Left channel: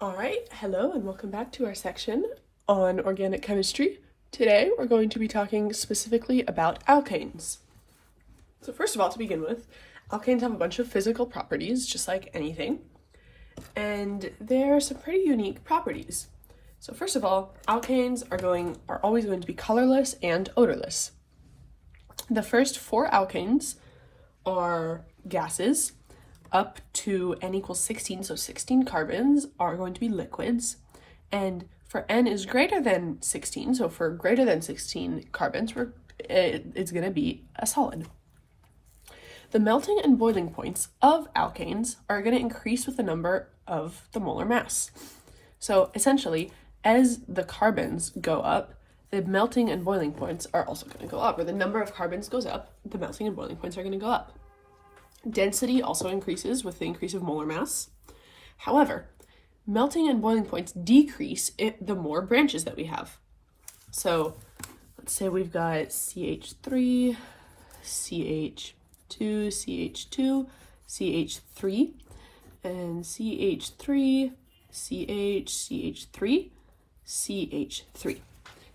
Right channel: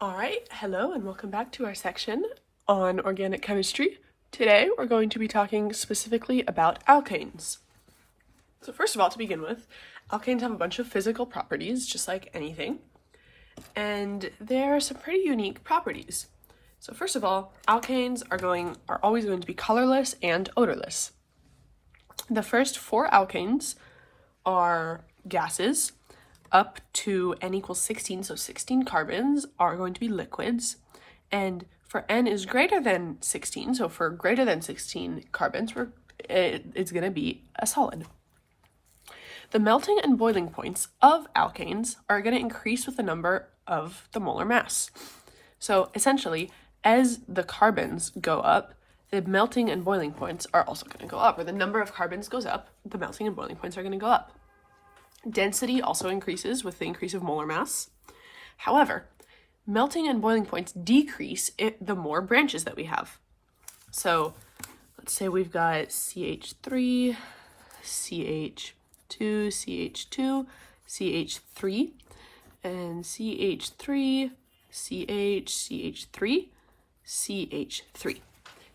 All right, hello and welcome back to our section on organic chemistry. Today we're going to be talking specifically about alkanes. So first of all, to begin with, alkanes have a bunch of physical properties, just like anything, and there are some pretty unique properties. So first of all, alkanes are always going to be colorless and odorless. The first four alkanes are gases. Up to n equals 16, so 16 carbons are going to be liquids. And for n is greater than 16, so for greater than 16 carbons, it's going to be a solid. The melting and boiling points of alkanes are going to increase with the number of the molar mass. So essentially, as the carbons go up, the melting and boiling points are also going to go up, or the number of carbons goes up, the melting and boiling points are going to go up. Density also increases with the increase of molar mass. However, melting and boiling points decrease the more branches that we have. So let's say we've got CH3, CH2, CH2, CH3, and CH3, CH, CH3, CH3.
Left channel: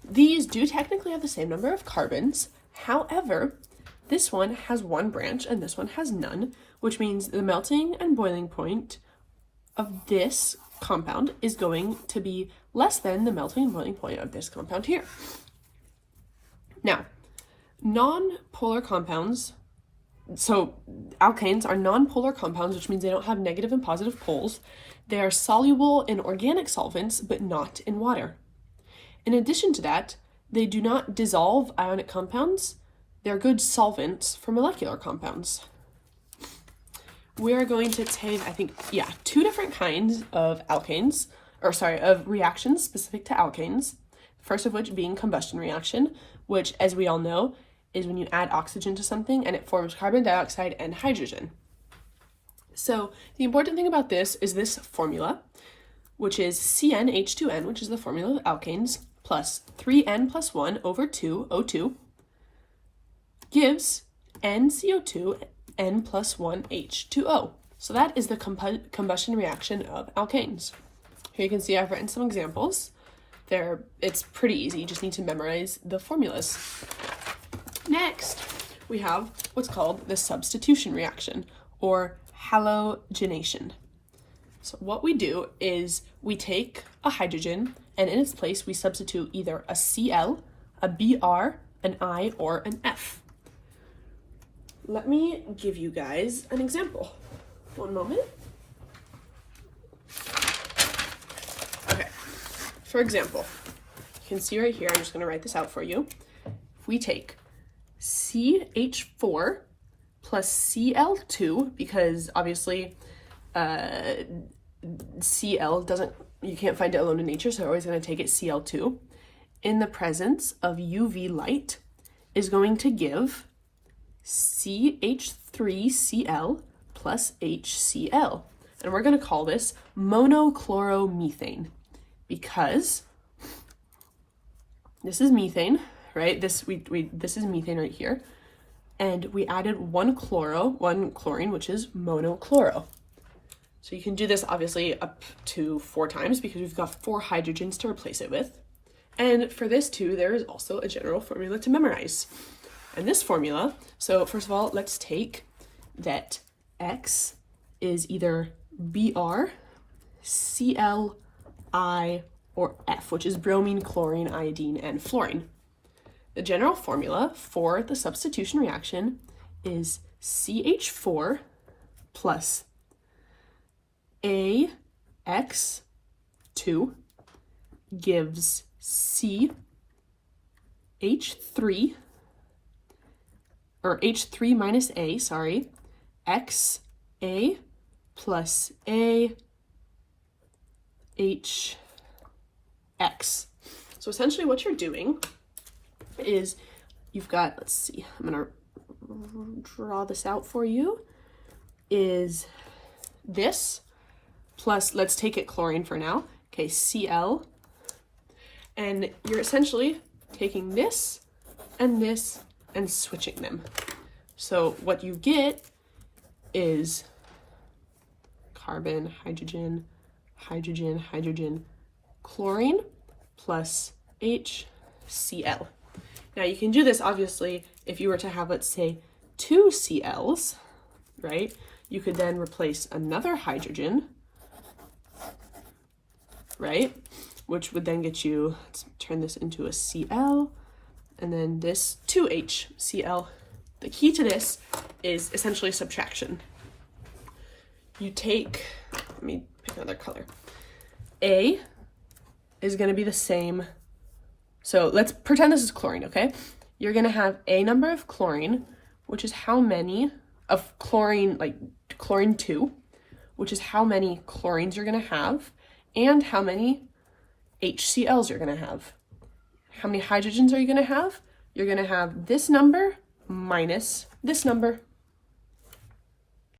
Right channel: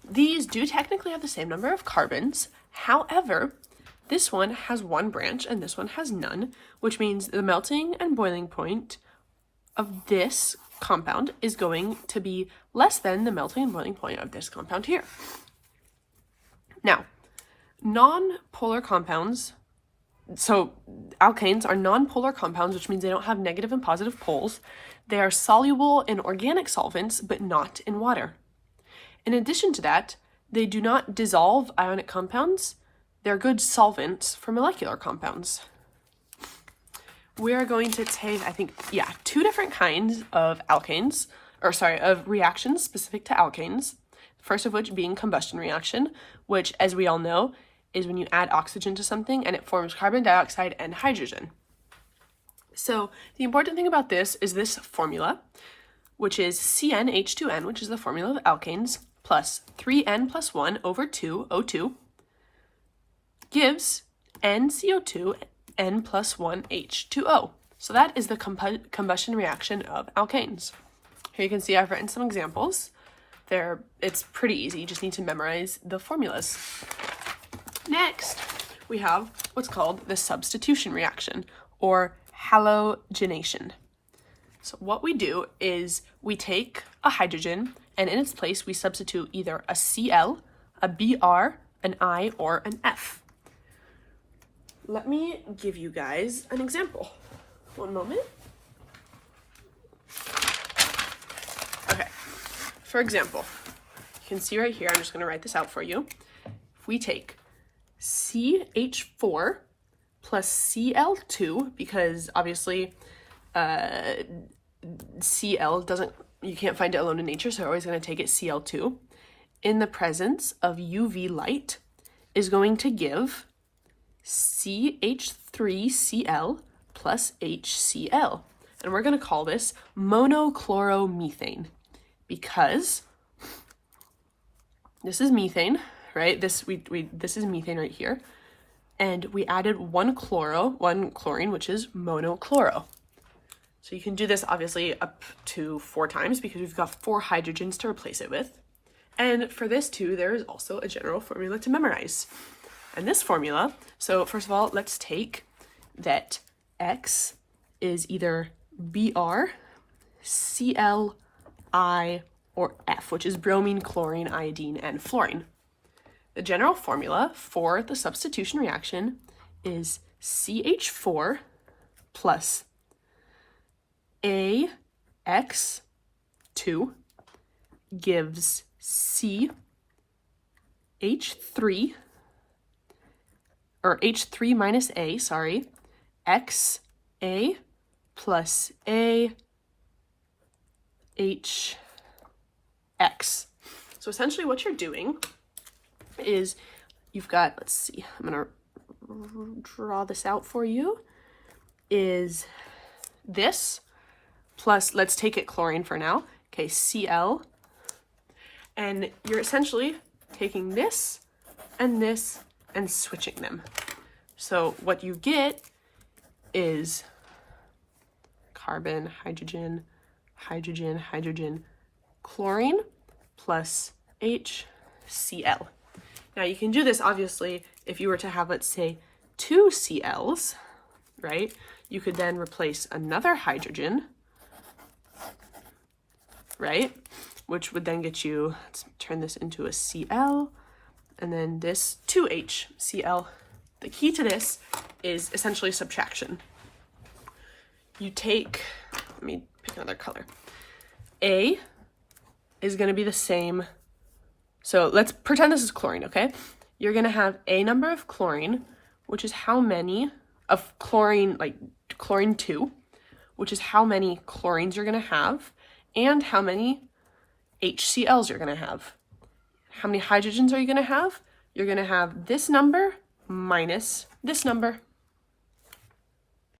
These do technically have the same number of carbons. However, this one has one branch and this one has none, which means the melting and boiling point of this compound is going to be less than the melting and boiling point of this compound here. Now, non-polar compounds, so alkanes are non-polar compounds, which means they don't have negative and positive poles. They are soluble in organic solvents, but not in water. In addition to that, they do not dissolve ionic compounds. They're good solvents for molecular compounds. We are going to take, two different kinds of of reactions specific to alkanes. First of which being combustion reaction, which, as we all know, is when you add oxygen to something and it forms carbon dioxide and hydrogen. So the important thing about this is this formula, which is CnH2n, which is the formula of alkanes, plus 3n plus 1 over 2, O2, gives NCO2 n plus 1 H2O. So that is the combustion reaction of alkanes. Here you can see I've written some examples. It's pretty easy, you just need to memorize the formulas. Next, we have what's called the substitution reaction, or halogenation. So what we do is we take a hydrogen, and in its place we substitute either a Cl, a Br, an I, or an F. Let me give you guys an example. One moment. Okay, for example, you can see right here, I'm just going to write this out for you. If we take CH4 plus Cl2, because obviously Cl you can't find it alone in nature, so we're always going to take it Cl2, in the presence of UV light, is going to give CH3Cl plus HCl. And we're going to call this monochloromethane because this is methane, right? This is methane right here. And we added one chlorine, which is monochloro. So you can do this obviously up to 4 times because we've got 4 hydrogens to replace it with. And for this too, there is also a general formula to memorize. And this formula, so first of all, let's take that X is either Br, Cl, I, or F, which is bromine, chlorine, iodine, and fluorine. The general formula for the substitution reaction is CH4 plus AX2 gives CH3, or H3 minus A, XA plus AHX. So essentially what you're doing is you've got, let's see, I'm gonna draw this out for you, is this plus, let's take it chlorine for now, okay, Cl, and you're essentially taking this and switching them. So what you get is carbon, hydrogen, hydrogen, hydrogen, chlorine plus HCl. Now you can do this obviously if you were to have, let's say, 2 Cls, right? You could then replace another hydrogen, right? Which would then get you, let's turn this into a Cl, and then this 2HCl. The key to this is essentially subtraction. You take, let me pick another color. A is going to be the same. So let's pretend this is chlorine, okay? You're going to have a number of chlorine, which is how many of chlorine, like chlorine 2, which is how many chlorines you're going to have, and how many HCl's you're going to have. How many hydrogens are you going to have? You're going to have this number minus this number.